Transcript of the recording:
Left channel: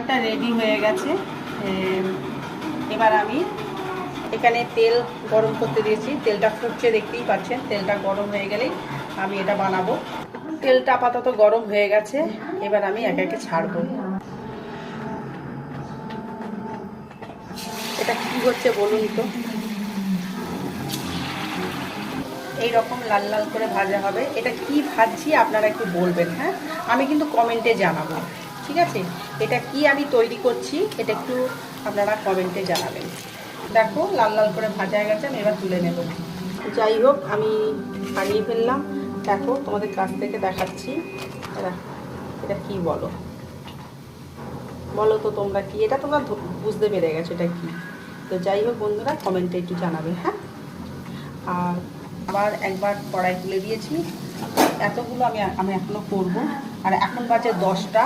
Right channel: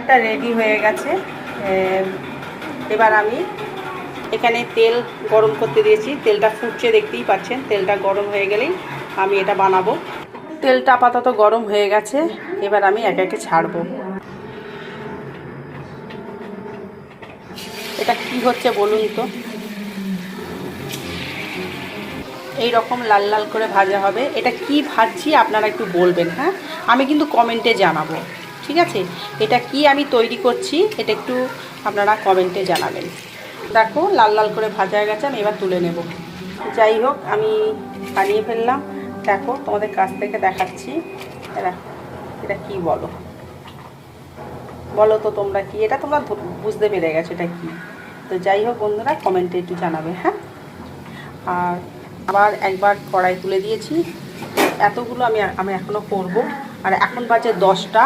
এটা রেডি হয়ে গেছে। এবার আমি এখানে তেল গরম করতে দিয়েছি, তেলটা ফুটছে দেখতেই পাচ্ছেন। তেলটা গরম হয়ে গেলেই আমি এটা বানাবো। তেলটা আপাতত গরম হয়ে গেছে, এবার আমি একে একে ছাড়বো। এটা কি হচ্ছে বলুন তো। এই রকম লাল লাল করে ভাজা হবে। এটা কি ভাজছি আপনারা একটু বলবেন, হ্যাঁ, আমি কিন্তু কমেন্টে জানাবো, ঠিক আছে? এটা কি আমি তৈরি করছি এটা একটু আপনারা কমেন্টে জানাবেন। দেখো লাল লাল করে ভাজা হয়ে গেছে, আমি এবার তুলে নেব। যাই হোক, আমি বানিয়ে ফেললাম। দেখো তোমাদের কাছ থেকে দেখাচ্ছি। এটা এটা কি বলো, বলো তো তোমরা কি, এটা তোমরা বুঝতে পেরে গেছো এটা কি? তো যাই হোক বন্ধুরা, কমেন্টে একটু জানাবে, হ্যাঁ। আর আবার একবার কড়াই তুলে দিয়েছি। এতগুলো আমি এখনও করব। আর এখন বাজে 10টা।